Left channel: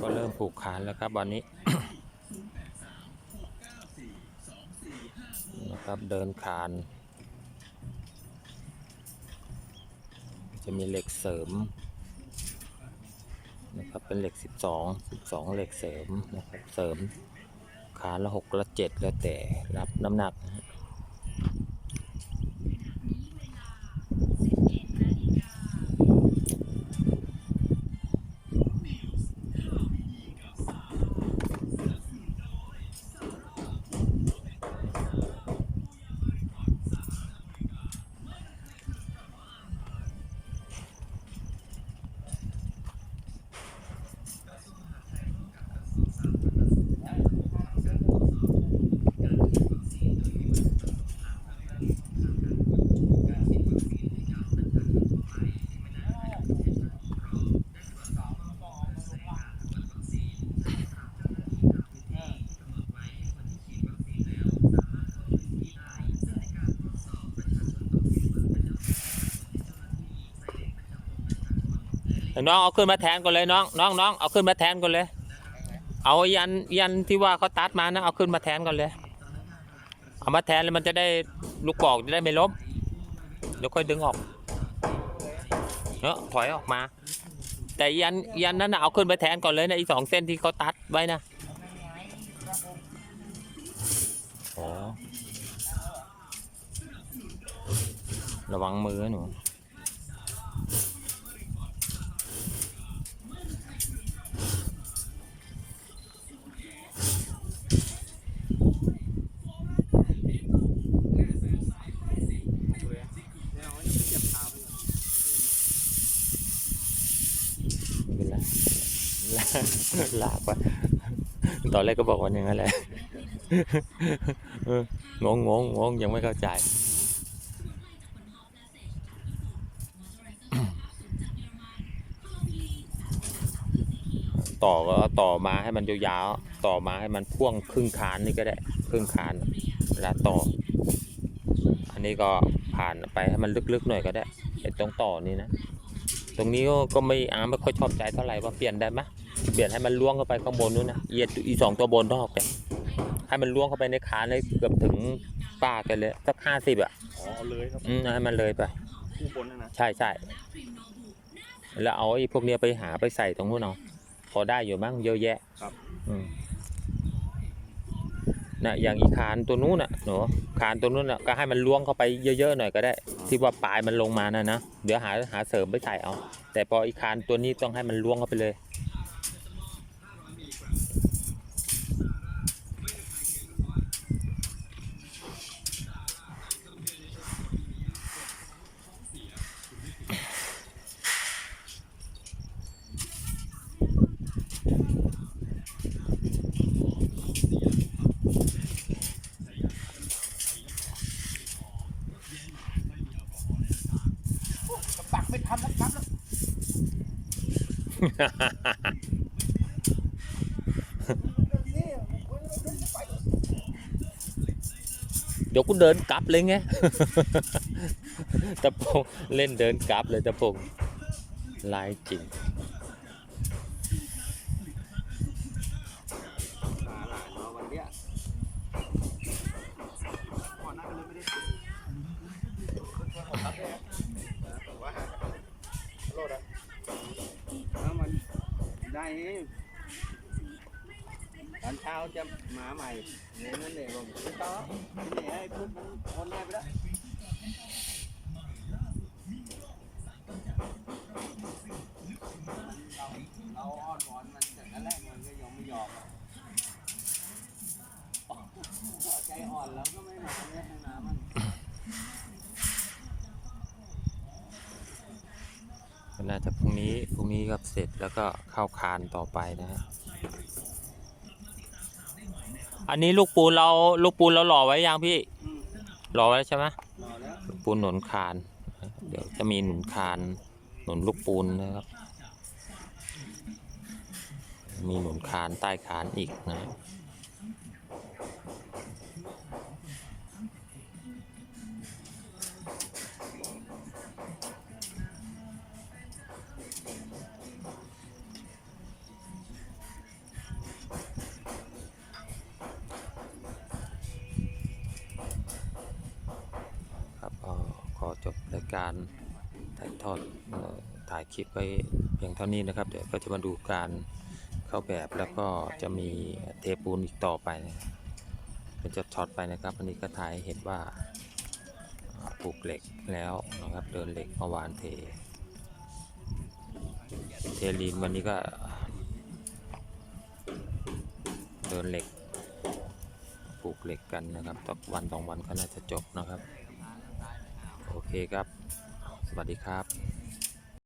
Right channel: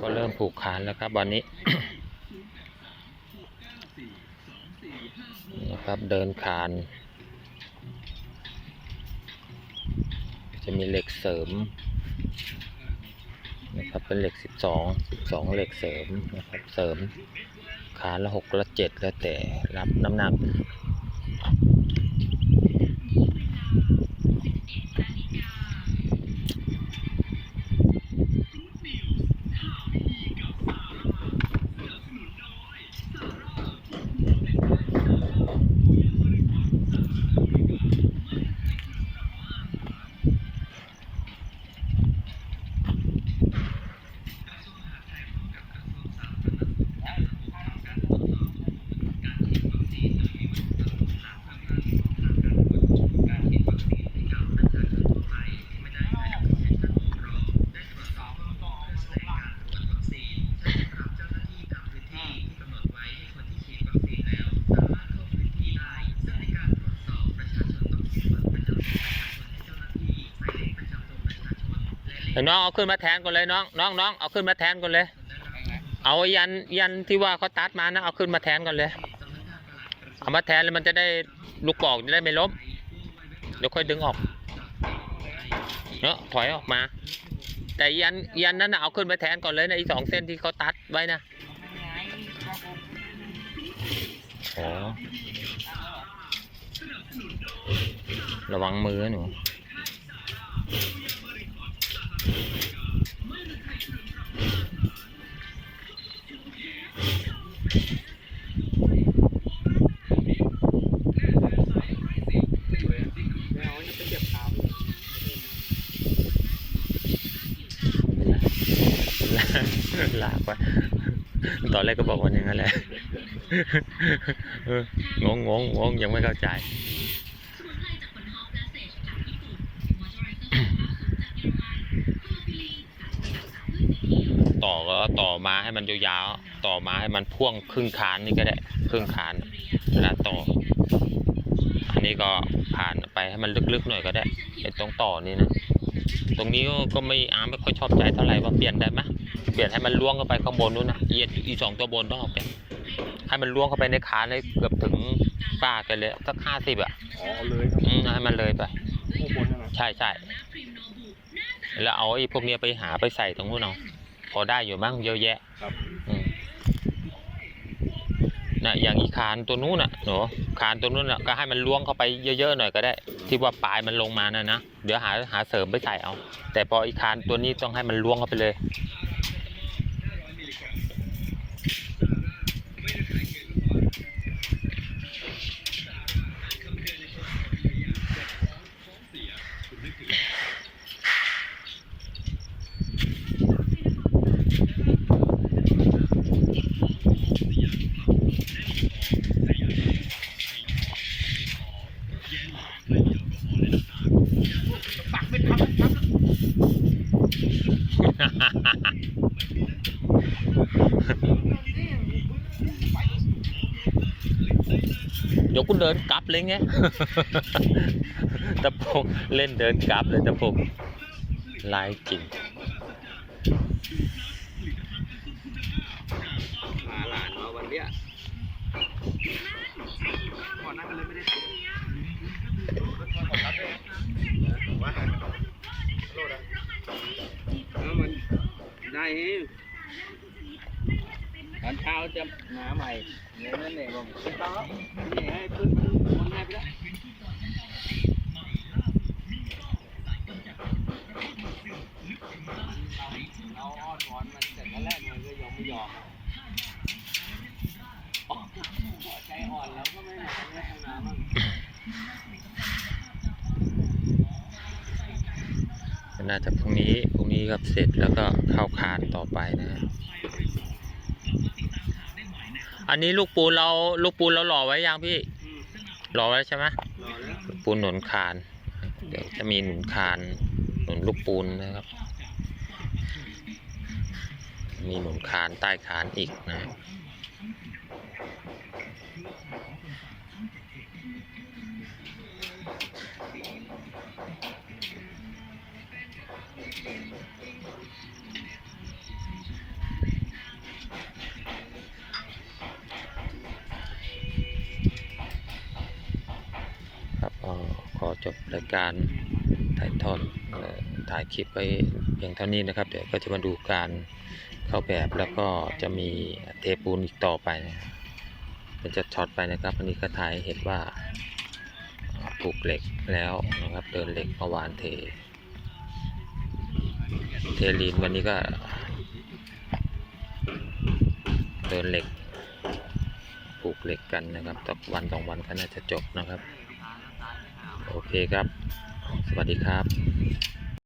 ก็เริ่มผูกคานแล้วครับวันนี้นะครับเดินคาน จะมีเหล็กเสริมนะครับเป็นเหล็ก 12 12 เหล็กเสริมนะครับเสริมคานละ6ละ7แล้วแต่รับน้ำหนัก น้องเอาขึ้นมาแทนก่อนเลยน้องน้องน้องเอาขึ้นมาแทนก่อนเลย เอายันยันที่ว่าเขาตัดมานะเอาขึ้นมาแทนก่อนเลย เอามาแทนแล้วมันจะได้ลูกปอกจะได้ไม่ล้มเดี๋ยวค่อยดึงออกเนาะถอยออกมา แต่ยันยันนั้นนะเอาขึ้นมาแทนก่อนเลยนะอีสองเส้นที่เขาตัดไว้นะระวังมือหนู ลากลากไปตอนแรกก็บอกว่าอย่างนั้นแหละเอองงงงงงยังไม่เข้าใจ ต่อก็ต่อมาให้มันยาวๆต่อมาให้มันพ่วงครึ่งคานนี่ก็ได้ครึ่งคานเวลาต่อ อันนี้ก็ผ่านไปให้มันลึกๆหน่อยก็ได้ไอ้ตรงต่อนี่นะตรงนี้ก็ก็ไม่อาไม่ค่อยชอบใจเท่าไหร่ว่าเปลี่ยนได้ไหมเปลี่ยนให้มันล่วงเข้าไปข้างบนนู้นนะเอียดอีสองตัวบนต้องเอาไปให้มันล่วงเข้าไปในขาเลยเกือบถึงป้ากันเลยสักห้าสิบอะอ๋อเอาเลยครับอืมให้มันเลยไปข้างบนนะนะใช่ใช่แล้วเอาไอ้พวกเนี้ยไปหาไปใส่ตรงนู้นเอา พอได้อยู่มั้งเยอะแยะครับ อืมน่ะอย่างอีคานตัวนู้นน่ะหนูคานตัวนู้นน่ะก็ให้มันล้วงเข้าไปเยอะๆหน่อยก็ได้ ที่ว่าปลายมันลงมานะนะเดี๋ยวหาหาเสริมไปใส่เอา แต่พออีคานตัวนี้ต้องให้มันล้วงเข้าไปเลย เดี๋ยวกูเดินกลับเลยไงตะพงเล่นเดินกลับเลยตะพงลายจริง ได้เองตอนเช้าจะมาใหม่เงี้ยนั่นเองผมไม่ต้องนี่ให้พื้นมันมันให้ไปแล้วเราอ้อนวอนมันแต่ก็แรกมันก็ยอมไม่ยอมเรา ใจอ่อนแล้วก็ไม่มาไม่ให้น้ำมัน น่าจะพรุ่งนี้พรุ่งนี้ก็เสร็จแล้วก็เข้าคานต่อไปนะฮะอันนี้ลูกปูนเราลูกปูนเราหล่อไว้ยังพี่หล่อไว้ใช่ไหมลูกปูนหนุนคาน เดี๋ยวจะมีหนุนคานหนุนลูกปูนนะครับ มีหนุนคานใต้คานอีกนะ การถ่ายทอดถ่ายคลิปไว้เพียงเท่านี้นะครับ เดี๋ยวก็จะมาดูการเข้าแบบแล้วก็จะมีเทปูนอีกต่อไปนะเป็นจะช็อตไปนะครับอันนี้ก็ถ่ายเห็นว่าอ่าปลูกเหล็กแล้วนะครับเดินเหล็กเมื่อวานเท เทลีนวันนี้ก็เดินเหล็กปลูกเหล็กกันนะครับตักวันสองวันก็น่าจะจบนะครับ โอเคครับ สวัสดีครับ